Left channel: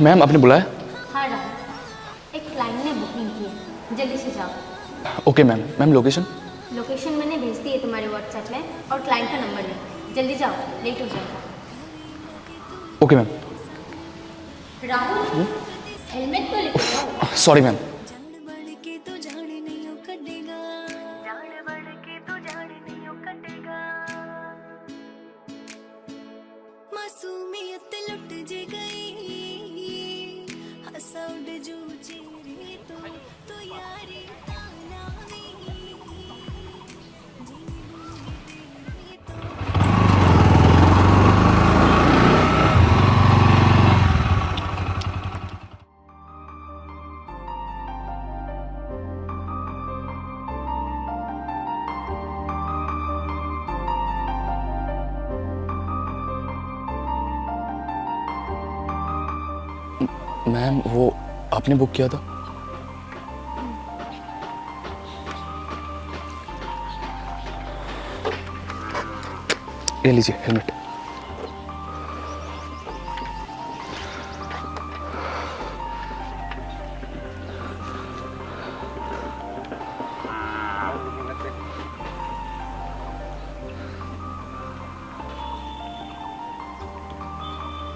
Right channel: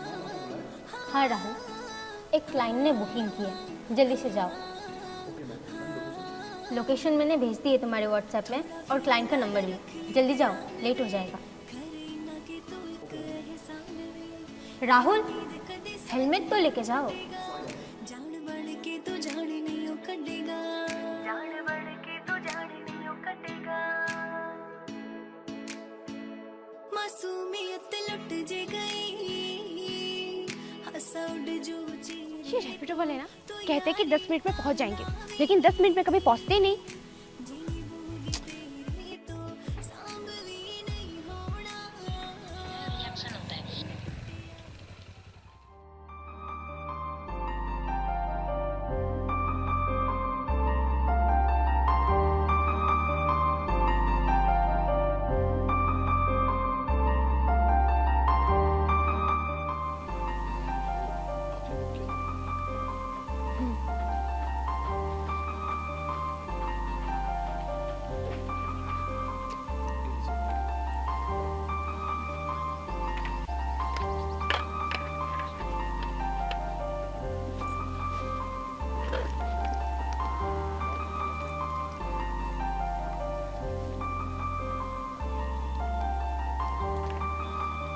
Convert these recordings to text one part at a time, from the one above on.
Ma'am आपने बुलाया? हाँ राहुल, एक क्लाइंट ने बुकिंग की है, जल्दी से जाओ। Okay ma'am. Ma'am location? Location मैंने भेज दी है तुम्हारे व्हाट्सएप में और क्लाइंट का नंबर ले, जल्दी जाओ, लेट हो जाएगा। Okay ma'am. राहुल, हेलमेट तो लेके जाओ। Sorry ma'am. मासूमियत लुट जे गई हंसा उड़ जो रैपिडो वाले ना कहते हैं कि 10 मिनट में पहुंच जाएंगे, लेकिन 10 मिनट में कभी पहुंचते ही नहीं। मैम वो आपने बुक किया था? ये लीजिए हेलमेट।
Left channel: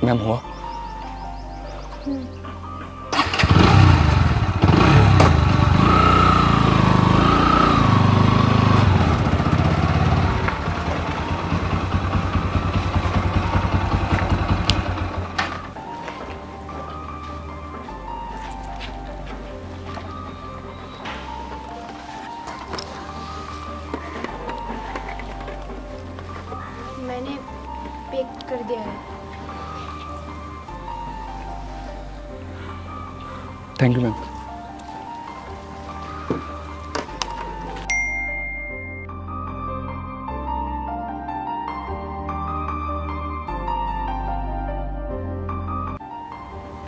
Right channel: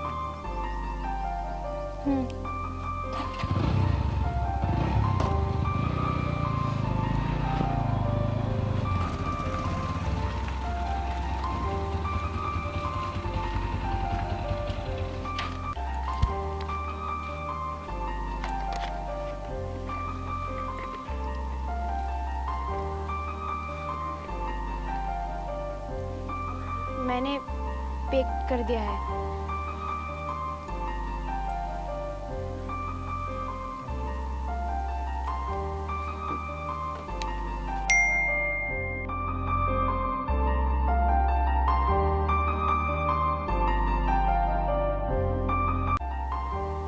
मैम हुआ? मैंने पे कर दिया है। Thank you ma'am.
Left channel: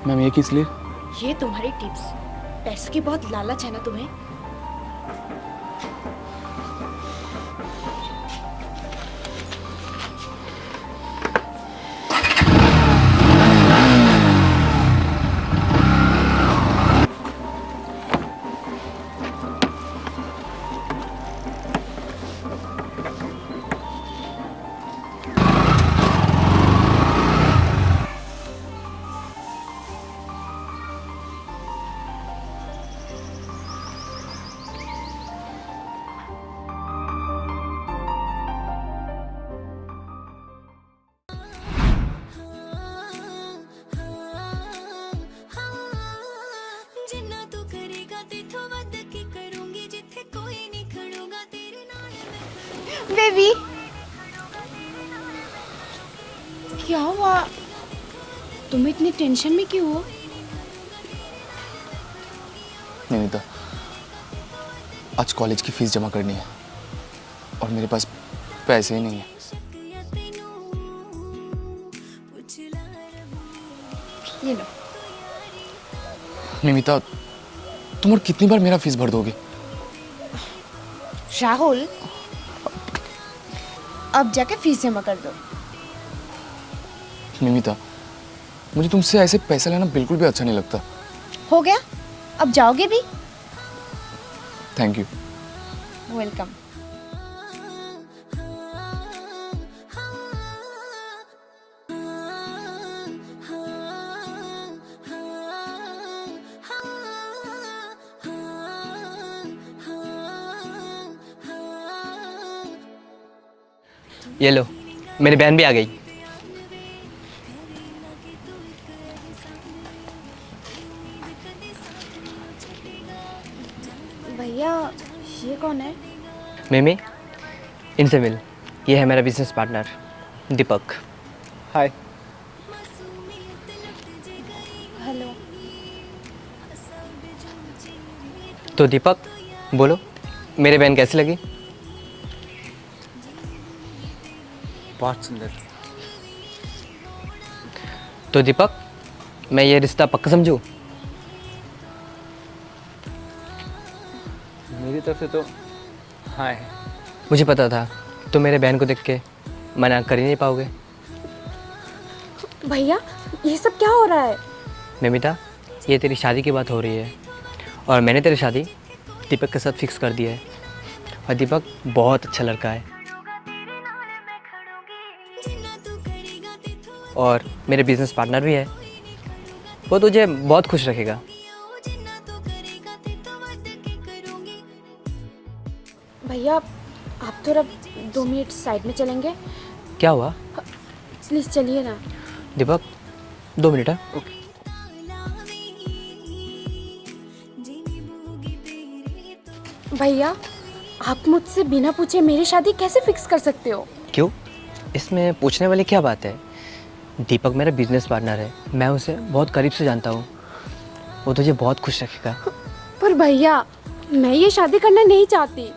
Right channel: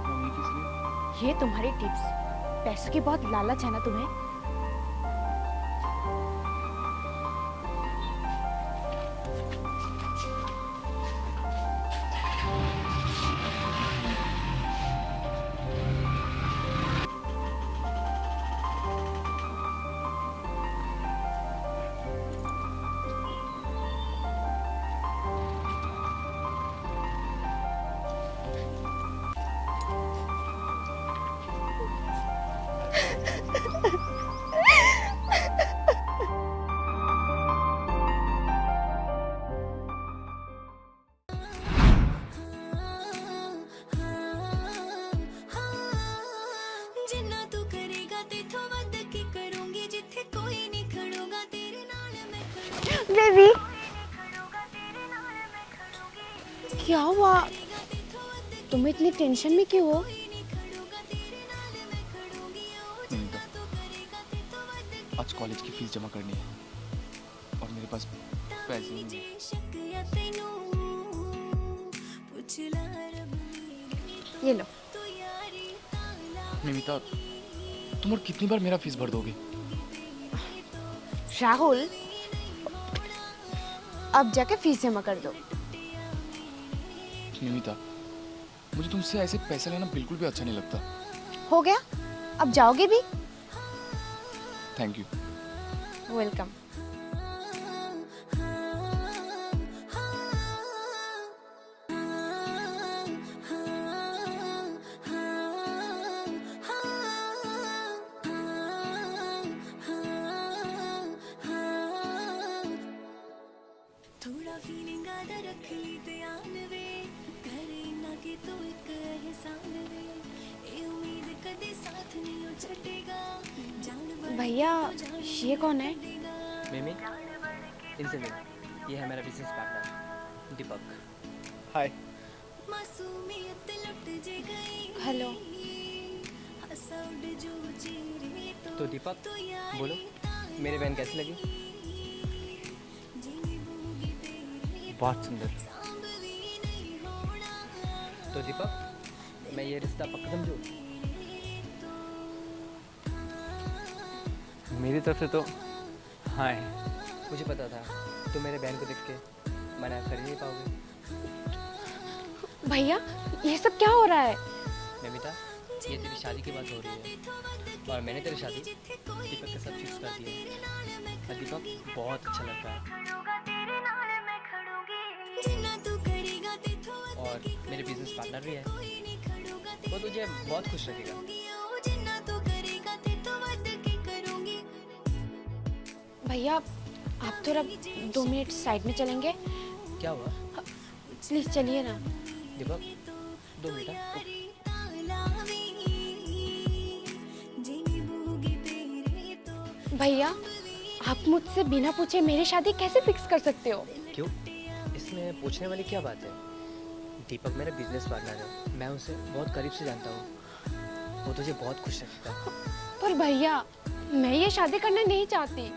मैम ये किस लिए? ये तुम्हारी टिप्स, पैसों की बहुत लालच है ना तुम्हें। जिन्ना तू करेगा तेथों वध की करूंगी जिथे कोई नहीं खड़ोगा तेरे नाल मैं खड़ूंगी। बेबी क्या हुआ? तुम इतनी टेंशन में क्यों हो? निमिता, आज कॉलेज की फीस जमा करनी है और मेरे पास पैसे ही नहीं है। ये लो। निमिता, तुम और कितनी बार मेरा फीस भर दोगे? राहुल, अब जाके फीस जमा कर दो। निमिता, मुझे तुमसे ऐसे पैसे लेना बिल्कुल भी अच्छा नहीं लगता। हो गया? अब जाओगे भी? Thank you. वेलकम। ये लो, मेरी बहन भी आ गई। भैया, ये कौन है? मिमी, इनसे मिल। ये है मेरा बिजनेस पार्टनर दीपक। हाय। हेलो। तो दीपक बोलो, मेरी बहन कैसी लगी? बहुत सुंदर। तो दीपक, मैं ये रिश्ता पक्का समझूं? मेरी तरफ से तो हाँ है। मुझे पता था तुम मेरे बहन को देख के मना कर ही नहीं पाओगे। भैया, ये सब क्या हो रहा है? मिमिता, ये तेरी शादी की बात हो रही है और मैंने तेरी शादी दीपक के साथ फिक्स कर दिया है। और दीपक बहुत अच्छा लड़का है और मेरे बिजनेस पार्टनर भी है। वो तुझे बहुत खुश रखेगा। भैया आप थोड़ा 2 मिनट साइड में चलेंगे? क्या हुआ प्लीज़ चलिए ना। दीपक, 2 मिनट है। भैया आप मुझसे बिना पूछे मेरी शादी कैसे फिक्स कर सकते हो? क्यों? इसमें पूछने वाली क्या बात है? दीपक मेरा बिजनेस पार्टनर है, मैं उसे बहुत करीब से जानता हूँ। वो तुझे बहुत खुश रखेगा। पर भैया मैं ये शादी करना नहीं चाहती।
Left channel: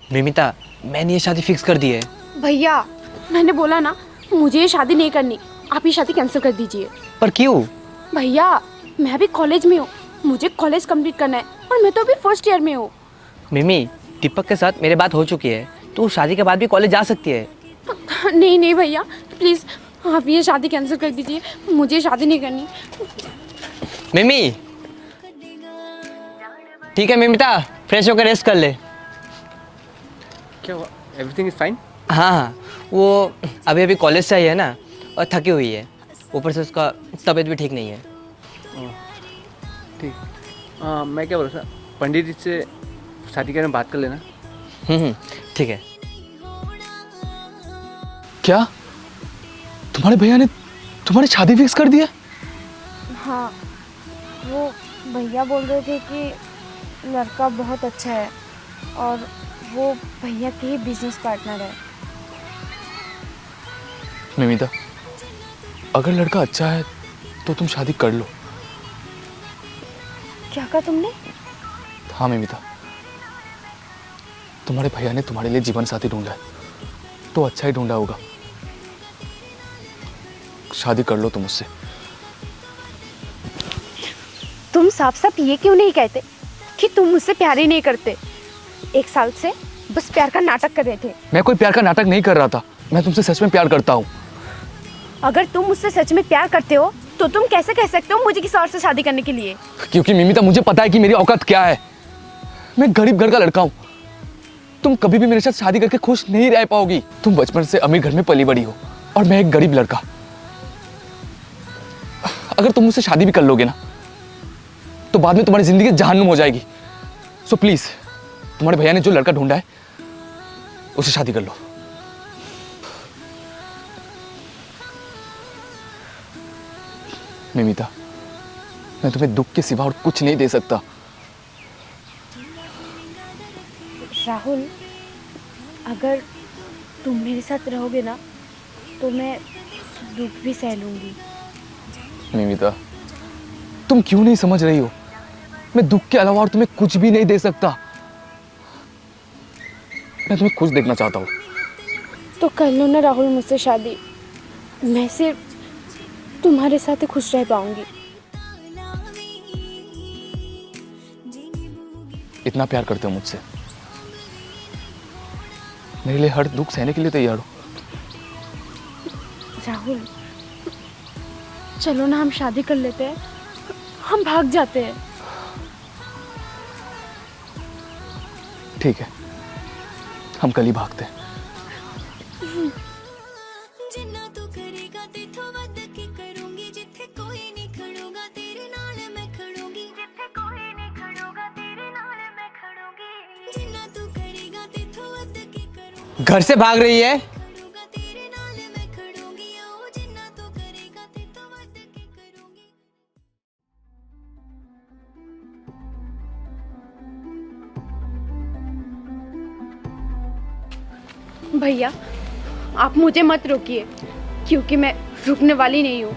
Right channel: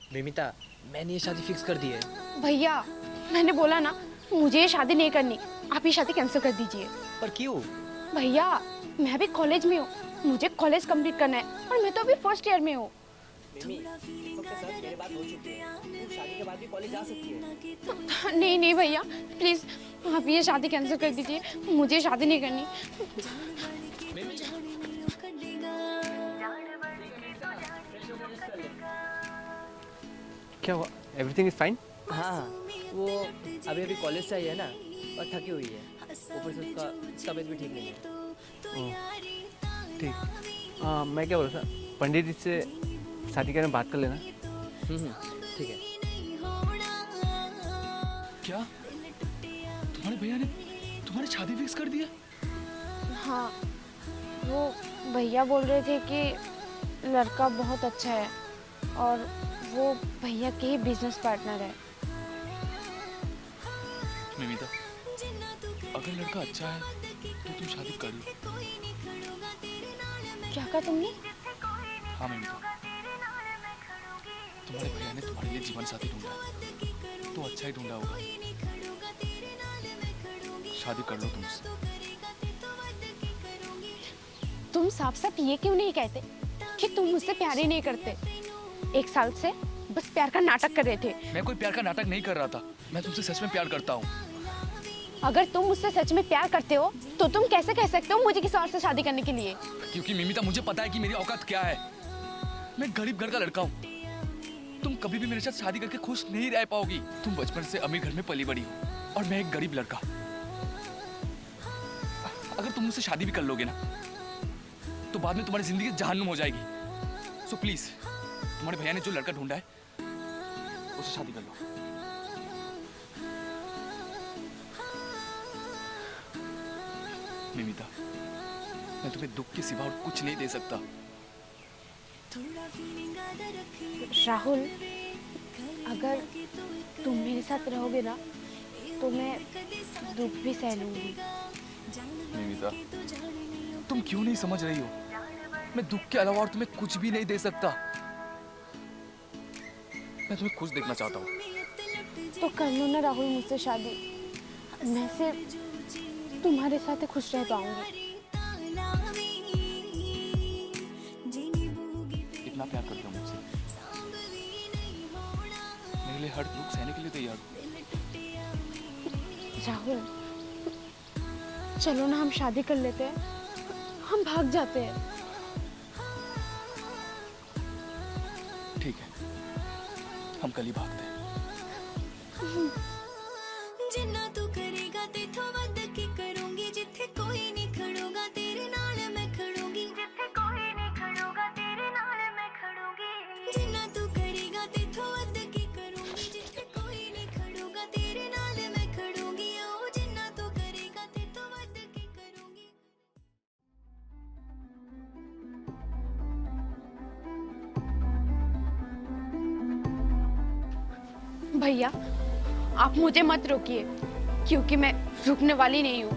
मिमिता, मैंने ये शादी फिक्स कर दी है। भैया मैंने बोला ना, मुझे ये शादी नहीं करनी। आप ये शादी कैंसिल कर दीजिए। पर क्यों? भैया मैं अभी कॉलेज में हूँ, मुझे कॉलेज कंप्लीट करना है और मैं तो अभी फर्स्ट ईयर में हूँ। मिमी, दीपक के साथ मेरी बात हो चुकी है, तू शादी के बाद भी कॉलेज जा सकती है। नहीं नहीं भैया प्लीज़ आप ये शादी कैंसिल कर दीजिए, मुझे शादी नहीं करनी। मिमी, ठीक है मिमिता, फ्रेश होकर रेस्ट कर ले। क्या हुआ? Everything is fine? हाँ हाँ, वो अभी अभी कॉलेज से आई है ना और थकी हुई है, ऊपर से उसका तबीयत भी ठीक नहीं है। ठीक। मैं क्या बोल रहा था, पंडित जी से शादी के बारे में बात कर लेना। ठीक है। क्या तुम्हारे भैया ने तुम्हारी शादी फिक्स कर दिया? हाँ वो भैया बोल रहे थे कि लड़का बहुत अच्छा है और वो भैया के ही बिजनेस पार्टनर है। मिमिता, अगर लड़का अच्छा है तो तुम शादी कर लो। क्या कहा तुमने? हाँ मिमिता, तुम्हारे भैया ने तुम्हारे लिए जीवन साथी ढूंढा है तो अच्छा ही ढूंढा होगा। शादी कर लो तुम उससे। तुम साफ साफ ये क्यों नहीं कहते कि तुम मुझसे प्यार ही नहीं करते? 1 साल से बस प्यार का नाटक कर रहे थे। मैं कोई प्यार का नाटक नहीं कर रहा था, मैं तुमसे सच में प्यार करता हूँ। अगर तुम मुझसे सच में प्यार करते हो तो तुम कैसे कह सकते हो मुझे किसी और से शादी करने के लिए? क्योंकि मिमिता, मुझे पता है कि मेरी औकात क्या है। मैं गरीब घर का लड़का हूँ। तुम कभी भी मेरे साथ शादी करके खुश नहीं रह पाओगी। तुम बचपन से अमीर घर में पली बड़ी हो और मैं एक गरीब लड़का। अगर तुम मुझसे शादी भी कर लोगे ना तो बाद में तुम्हारी जिंदगी जहन्नुम हो जाएगी। सो प्लीज, तुम्हारे भैया ने जो लड़का ढूंढा है उससे शादी कर लो। मिमिता, मैं तुम्हें दुख के सिवा और कुछ नहीं दे सकता। राहुल, अगर तुम मेरे साथ रहोगे ना तो मैं दुख भी सह लूंगी। मिमिता, तुम क्यों नहीं समझ रही हो? मैं दुख के अलावा और तुम्हें कुछ भी नहीं दे सकता। मैं तुम्हें खुश देखना चाहता हूँ। तो कर लो ना राहुल मुझसे शादी, मैं सिर्फ तुम्हारे साथ ही खुश रह पाऊंगी। इतना प्यार करते हो मुझसे, मेरे लिए हर दुख सहने के लिए तैयार हो। राहुल चलो ना हम शादी कर लेते हैं, हम भाग जाते हैं। ठीक है, हम कल ही भागते हैं। जिन्ना तू करेगा तेथों वध के करूंगी, जिथे कोई नहीं खड़ूगा तेरे नाल मैं खड़ूंगी, जिथे कोई नहीं खड़ूगा तेरे नाल मैं खड़ूंगी। जिन्ना तू करेगा तेथों वध के करूंगी, घर से भाग रही है? खड़ूंगा तेरे नाल मैं खड़ूंगी। ओ जिन्ना तू करेगा तेथों वध के करूंगी। भैया आप मुझे मत रोकिए, क्योंकि मैं रुकने वाली नहीं हूँ।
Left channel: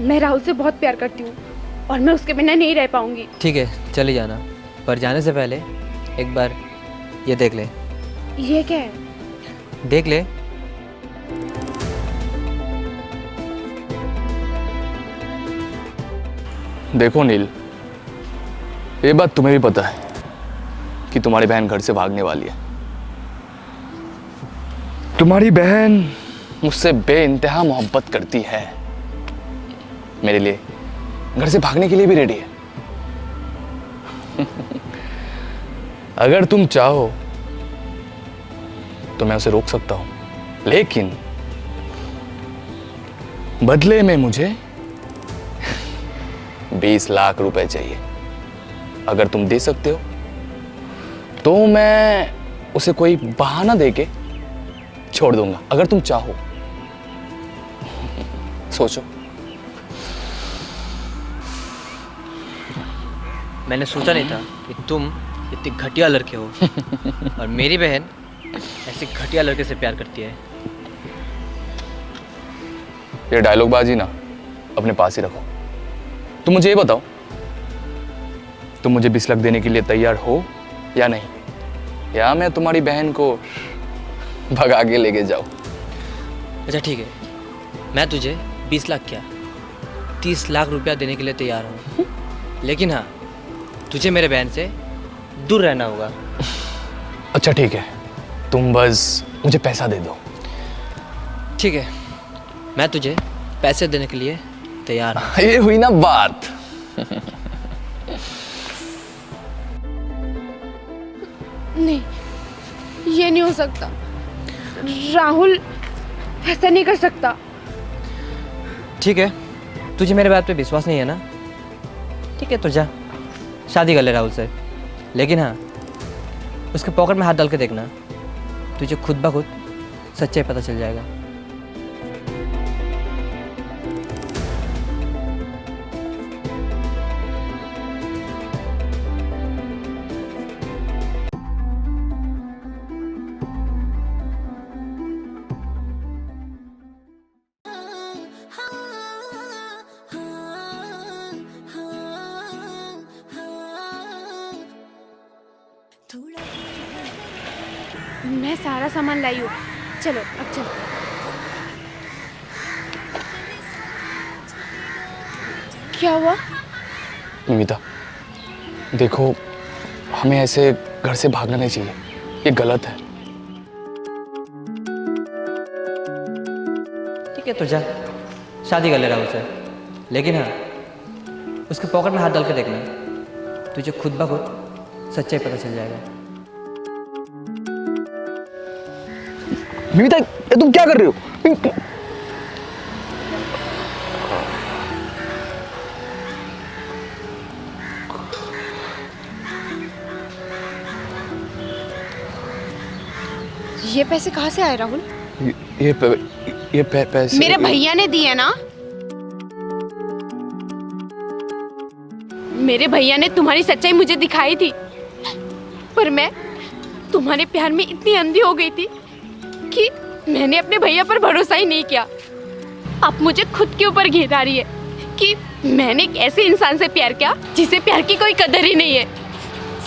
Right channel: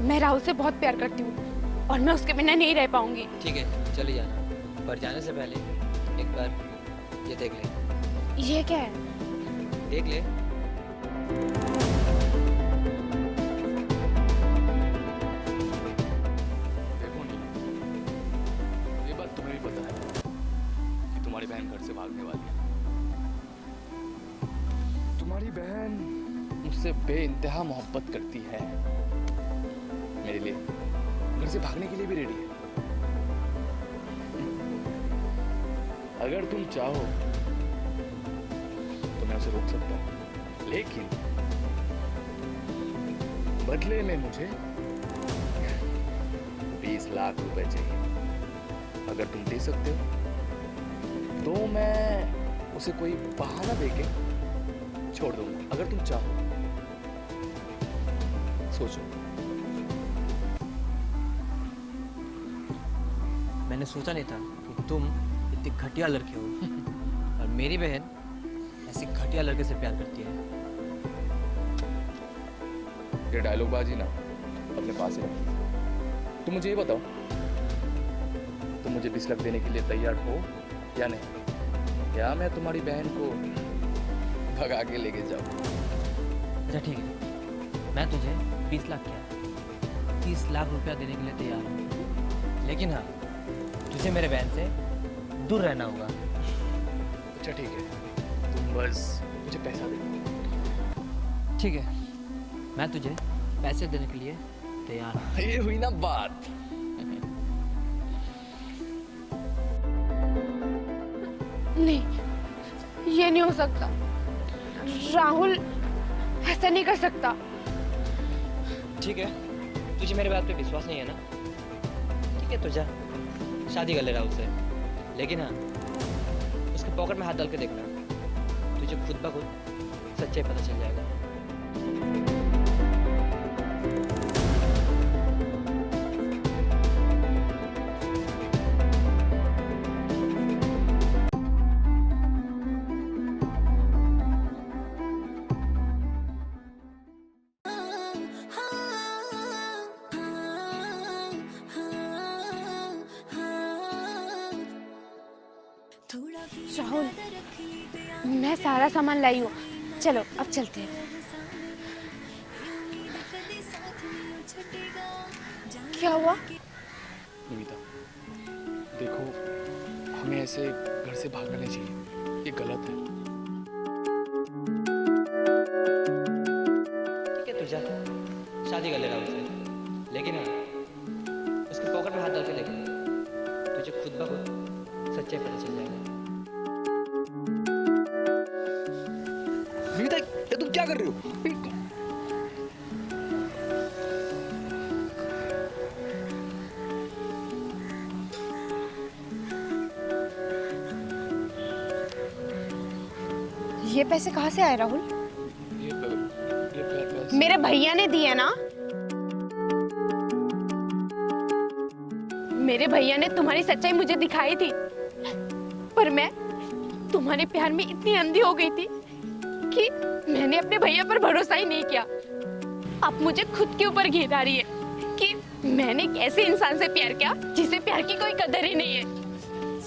मैं राहुल से बहुत प्यार करती हूँ और मैं उसके बिना नहीं रह पाऊंगी। ठीक है, चली जाना, पर जाने से पहले एक बार ये देख ले। ये क्या है? देख ले। देखो नील, ये बात तुम्हें भी पता है कि तुम्हारी बहन घर से भागने वाली है। तुम्हारी बहन मुझसे बेइंतहा मोहब्बत करती है, मेरे लिए घर से भागने के लिए भी रेडी है। अगर तुम चाहो तो मैं उसे रोक सकता हूं, लेकिन बदले में मुझे 20 लाख रुपए चाहिए। अगर तुम दे सकते हो तो मैं उसे कोई बहाना देके छोड़ दूंगा, अगर तुम चाहो। सोचो। मैंने सोचा नहीं था कि तुम इतनी घटिया लड़के हो और मेरी बहन ऐसे घटिया लड़के से प्यार करती है। ये डायलॉग बाजी ना अपने पास ही रखो। तुम मुझे ये बताओ, तुम मुझे 20 लाख देने के लिए तैयार हो या नहीं, या मैं तुम्हारी बहन को भगा के लेके जाऊं? अच्छा ठीक है, मैं तुझे 20 लाख क्या 30 लाख रुपया देने के लिए तैयार हूँ, लेकिन हाँ तुझे मेरे बहन से दूर रहना होगा। अच्छा ठीक है, तुम बस मुझे पैसा दे दो। ठीक है, मैं तुझे पैसे देने के लिए तैयार हूँ। ये हुई ना बात। नहीं, ये नहीं हो सकता। राहुल ऐसा नहीं कर सकता। ठीक है, तुझे मेरे बात पे विश्वास नहीं है ना? ठीक है तो जा शादी कर ले राहुल से, लेकिन हाँ उसके पॉकेट में हाथ डाल के देखना, तुझे खुद ब खुद सच्चाई पता चल जाएगा। मैं सारा सामान लाई हूँ, चलो अब चलते हैं। क्या हुआ? निमिता देखो, हमें ऐसे घर से भागना नहीं चाहिए, ये गलत है। ठीक है तो जा शादी कर ले राहुल से, लेकिन हाँ उसके पॉकेट में हाथ डाल के देखना, तुझे खुद ब खुद सच्चाई पता चल जाएगा। निमिता ये तुम क्या कर रहे हो? ये पैसे कहाँ से आए राहुल? पैसे मेरे भैया ने दिए ना। मेरे भैया ने तुम्हारी सच्चाई मुझे दिखाई थी, पर मैं तुम्हारे प्यार में इतनी अंधी हो गई थी कि मैंने अपने भैया पर भरोसा ही नहीं किया। अब मुझे खुद के ऊपर घिन आ रही है कि मैंने एक ऐसे इंसान से प्यार किया जिसे प्यार की कोई कदर ही नहीं है,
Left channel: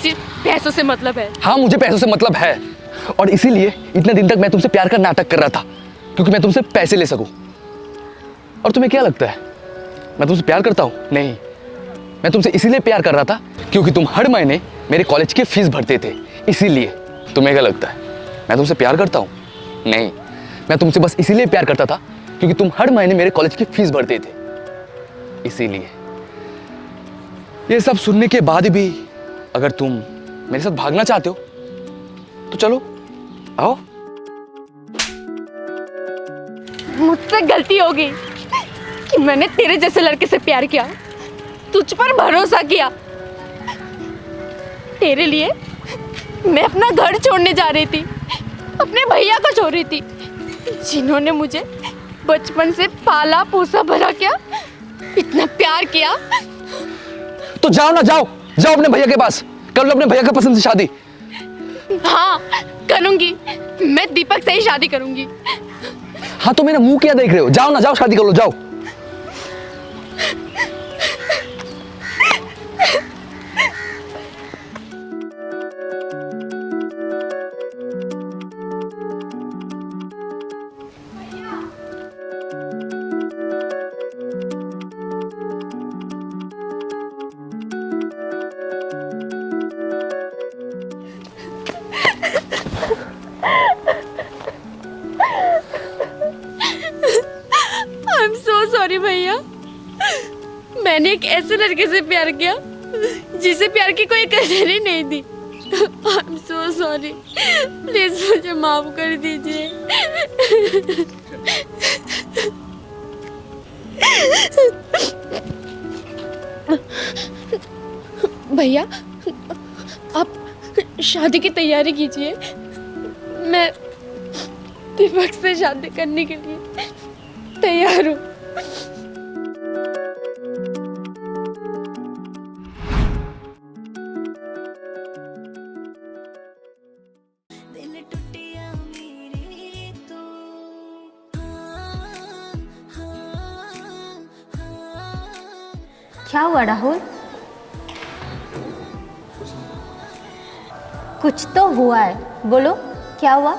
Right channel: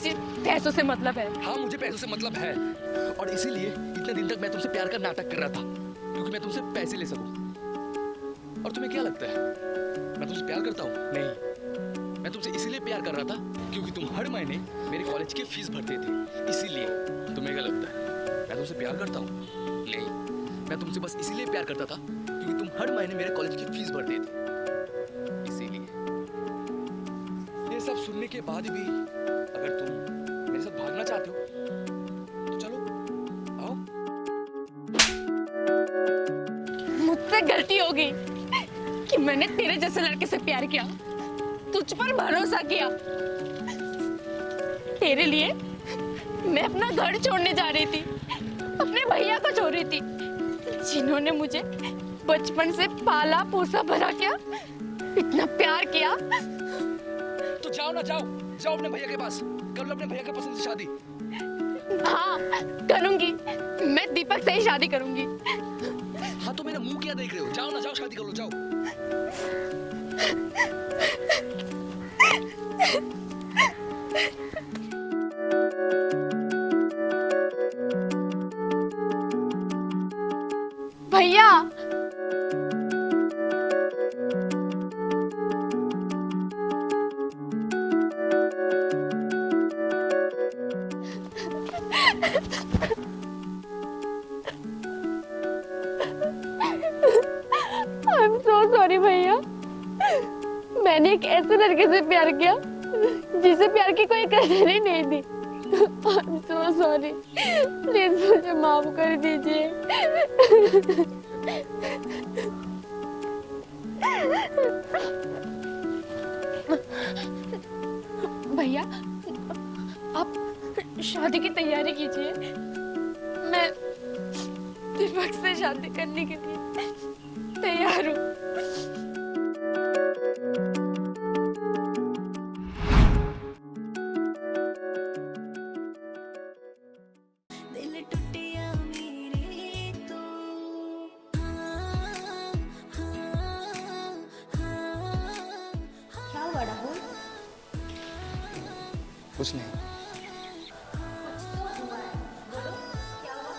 सिर्फ पैसों से मतलब है। हाँ मुझे पैसों से मतलब है, और इसीलिए इतने दिन तक मैं तुमसे प्यार का नाटक कर रहा था, क्योंकि मैं तुमसे पैसे ले सकूं। और तुम्हें क्या लगता है मैं तुमसे प्यार करता हूं? नहीं, मैं तुमसे इसीलिए प्यार कर रहा था क्योंकि तुम हर महीने मेरे कॉलेज की फीस भरते थे, इसीलिए। तुम्हें क्या लगता है मैं तुमसे प्यार करता हूं? नहीं, मैं तुमसे बस इसीलिए प्यार करता था क्योंकि तुम हर महीने मेरे कॉलेज की फीस भरते थे, इसीलिए। ये सब सुनने के बाद भी अगर तुम मेरे साथ भागना चाहते हो तो चलो आओ। मुझसे गलती हो गई कि मैंने तेरे जैसे लड़के से प्यार किया, तुझ पर भरोसा किया। तेरे लिए मैं अपना घर छोड़ने जा रही थी, अपने भैया को छोड़ रही थी, जिन्होंने मुझे बचपन से पाला पोसा भरा किया, इतना प्यार किया। तो जाओ ना, जाओ जाओ अपने भैया के पास, कर लो अपने भैया का पसंद से शादी। हाँ करूंगी, मैं दीपक से ही शादी करूंगी। हाँ तो मेरा मुंह क्या देख रहे हो? जाओ ना, जाओ शादी कर लो, जाओ। भैया सॉरी भैया, मैंने एक ऐसे लड़के से प्यार किया जिसे प्यार की कोई कदर ही नहीं थी। I am so sorry, please मुझे माफ कर दीजिए। भैया आप शादी की तैयारी कीजिए, मैं दीपक से शादी करने के लिए तैयार हूँ। दिल टूटिया मेरे तो क्या हुआ राहुल? कुछ नहीं, कुछ तो हुआ है, बोलो क्या हुआ?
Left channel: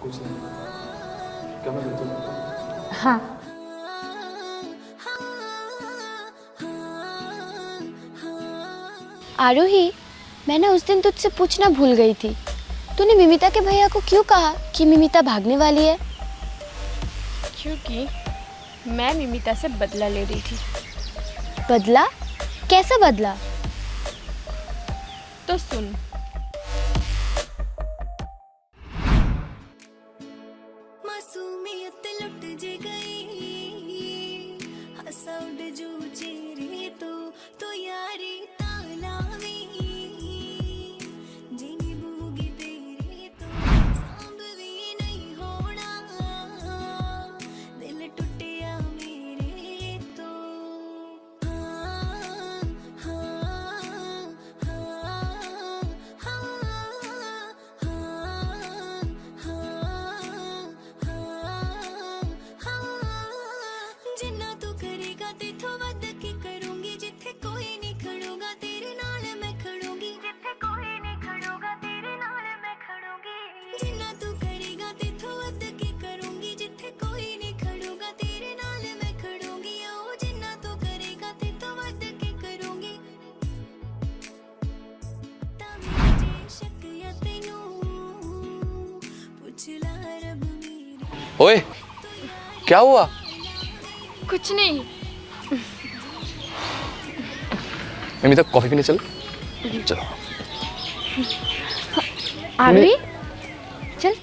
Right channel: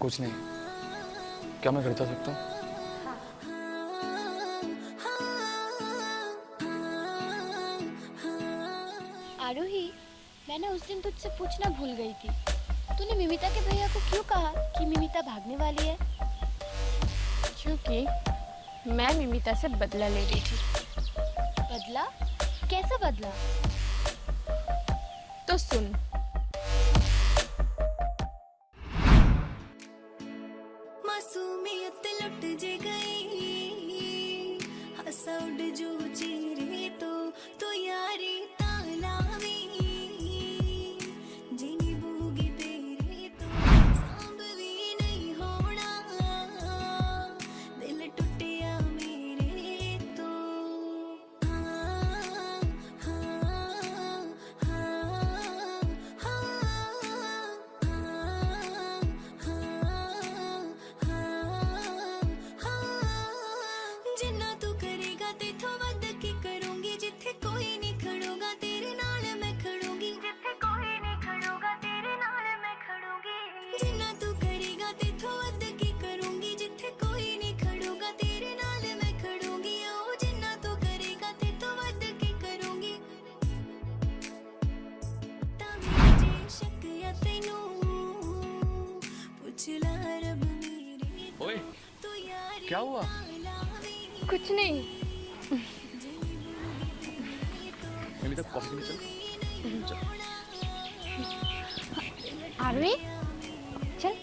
कुछ नहीं। क्या मैं गलत लगता हूँ? हाँ, आरोही, मैं ना उस दिन तुझसे पूछना भूल गई थी, तूने मिमिता के भैया को क्यों कहा कि मिमिता भागने वाली है? क्योंकि मैं मिमिता से बदला ले रही थी। बदला? कैसा बदला? तो सुन, मासूमियत लुट जे गई, हंसा उड़ जो चेहरे तो यारी तालावी, जिनी बूगी तेरे तो सांभ भी नहीं होना, दिल टूटिया मेरे तो जिन्ना तू करेगा तेथों वध के करूंगी, जिथे कोई नहीं खड़ोगा तेरे नाल मैं खड़ूंगी, जिथे कोई नहीं खड़ोगा तेरे नाल मैं खड़ूंगी, जिन्ना तू करेगा तेथों वध के करूंगी, जिथे कोई नहीं खड़ोगा तेरे नाल मैं खड़ूंगी, ओ जिन्ना तू करेगा तेथों वध के करूंगी, तां जे शक या तैनू पुछ ला रब मेरे ओए, क्या हुआ? कुछ नहीं। मिमिता कॉफी पीने चल। चलो। आरोही, चल।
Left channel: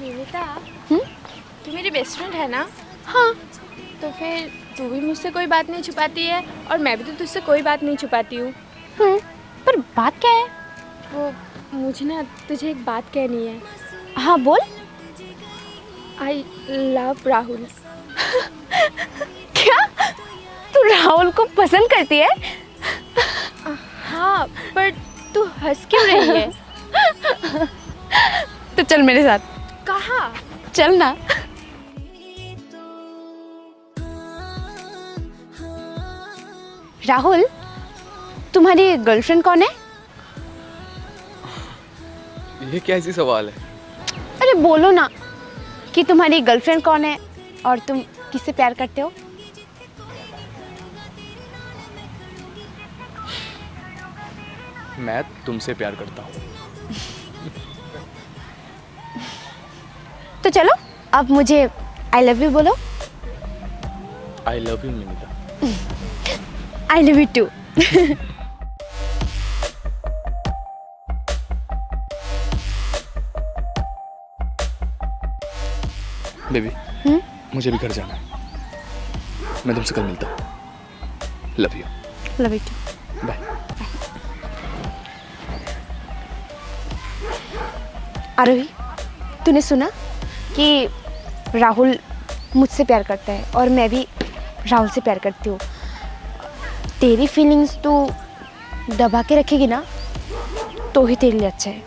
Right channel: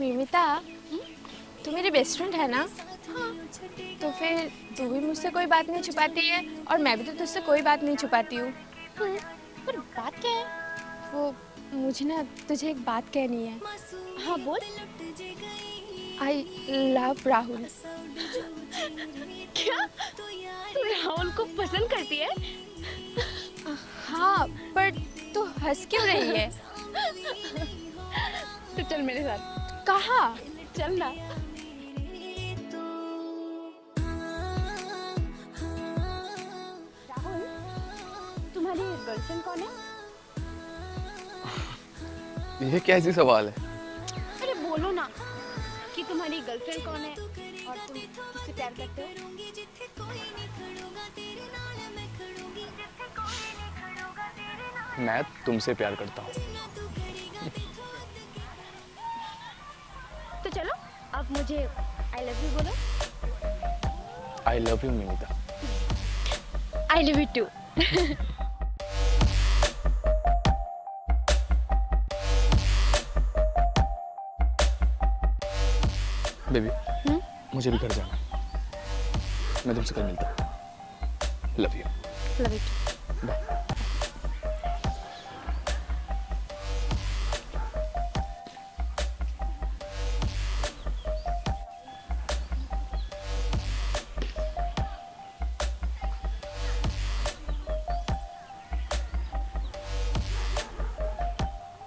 मिमिता, तू मेरी बेस्ट फ्रेंड है ना? हाँ। तो फिर तू भी मुझसे कोई बात नहीं छुपाती है और मैं भी तो तुझसे कोई बात नहीं छुपाती हूँ। पर बात क्या है? वो मुझे ना तुझे एक बात कहनी है। हाँ बोल। I love Rahul. क्या तू राहुल को पसंद करती है? हाँ, पर तू हंस क्यों रही है? तो चल मेरे साथ। कहाँ? चल ना। राहुल, तुम्हारी गर्लफ्रेंड कौन है? ये कैसी सवाल है? अरे बोलो ना कि तुम्हारी गर्लफ्रेंड कौन है और तुम किससे प्यार करते हो? मैं तुमसे प्यार करता हूँ। तो चलो अब मुझे आई लव यू बोलो। आई लव यू मिमिता। I love you too. Baby, मुझे भी घर जाना है। मैं तुमसे कल मिलता हूँ। Love you. Love you too. Bye. Aarohi, तूने सुना कि राहुल मुझसे प्यार करता है और मैं भी राहुल से प्यार करती हूँ। तेरी फीलिंग्स तू दबा के रखेगी ना तो ही तेरे लिए अच्छा है।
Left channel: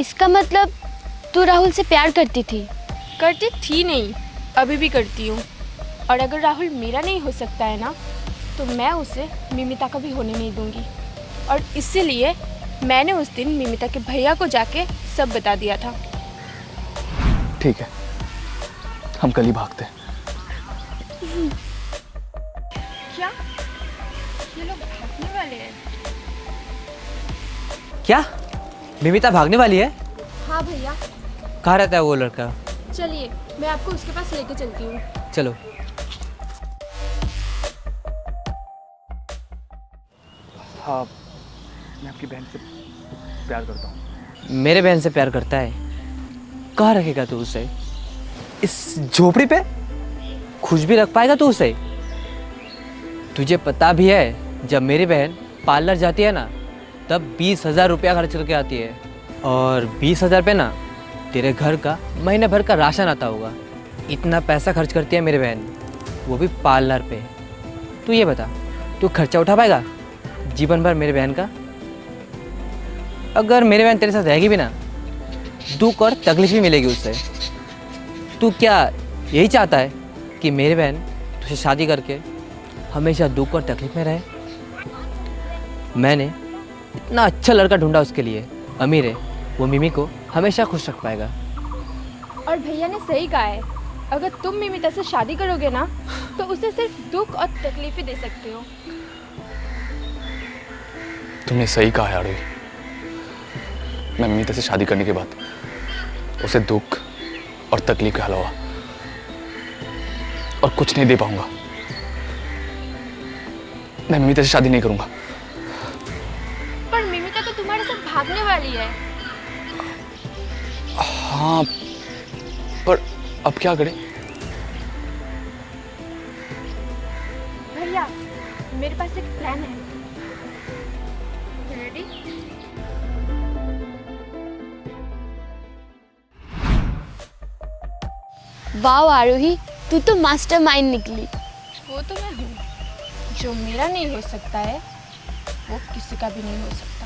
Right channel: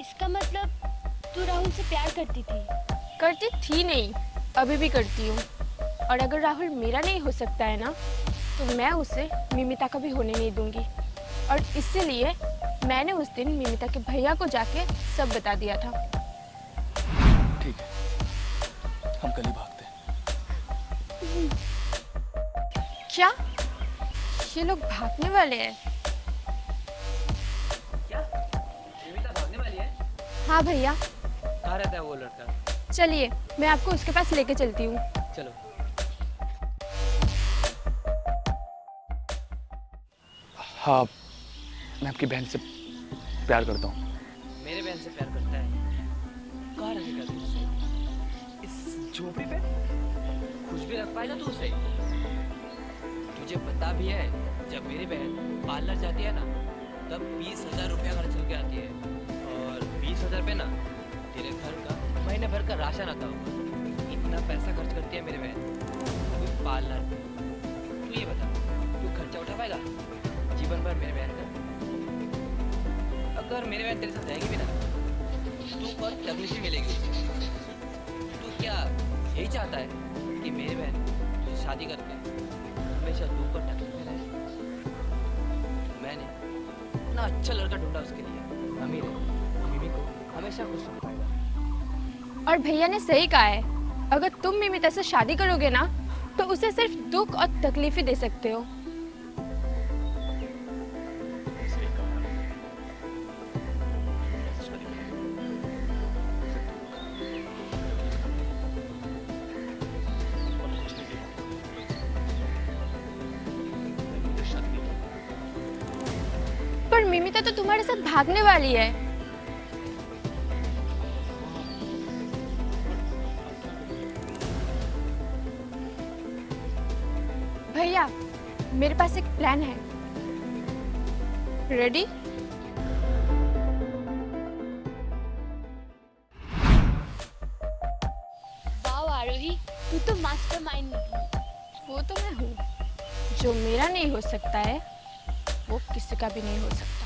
इसका मतलब तू राहुल से प्यार करती थी? करती थी नहीं, अभी भी करती हूँ। और अगर राहुल मेरा नहीं हो सकता है ना, तो मैं उसे मिमिता का भी होने नहीं दूंगी। और इसीलिए मैंने उस दिन मिमिता के भैया को जाके सब बता दिया था। ठीक है, हम कल ही भागते हैं। क्या ये लोग भागने वाले हैं? क्या मिमिता भागने वाली है? हाँ भैया, कहाँ रहता है वो लड़का? चलिए मैं आपको उसके पास लेके चलती हूँ। चलो। हाँ, मैं आपकी बहन से प्यार करता हूँ। मेरे बहन से प्यार करता है? कहाँ रखेगा तू उसे? इस झोपड़ी पे? खुश भी रख पाएगा तू उसे? तुझे पता भी है जब मेरी बहन पार्लर जाती है ना, तब 20,000 रुपया खर्च करके आती है। और 20,000 पे ना तेरे घर का महीने भर का राशन आता होगा। इतना पैसा खर्च करती है मेरी बहन, वो भी पार्लर पे। तू ये बता, तू खर्चा उठा पाएगा जीवन भर मेरी बहन का? अगर मेरी बहन तेरे साथ रहेगी भी ना, दुख और तकलीफ भी मिलेगी उससे। तू क्या यही चाहता है कि मेरी बहन तुझसे शादी करके हमेशा दुख और तकलीफ में रहे? मैंने इतना अच्छा लड़का ढूंढा उसके लिए, अमीर है, वो मिमी को हमेशा खुश रख पाएगा। और भैया ने सही कहा है, अगर तुम मिमिता से शादी करोगे ना, तो उसे सिर्फ दुख और तकलीफें दे सकते हो। तुमने सही कहा है आरोही। मैं मिमिता से शादी करने के बाद उसे दुख और तकलीफ के अलावा और कुछ नहीं दे पाऊंगा। मैं मिमिता से शादी नहीं करूंगा। पर मिमिता तो तुम्हारे साथ भागने वाली है। हाँ, पर अब क्या करें? भैया, मेरे पास एक प्लान है। रेडी? वाह आरोही, तू तो मास्टरमाइंड निकली। वो तो मैं हूँ। जो मेरा नहीं हो सकता है, वो किसी का भी नहीं हो सकता।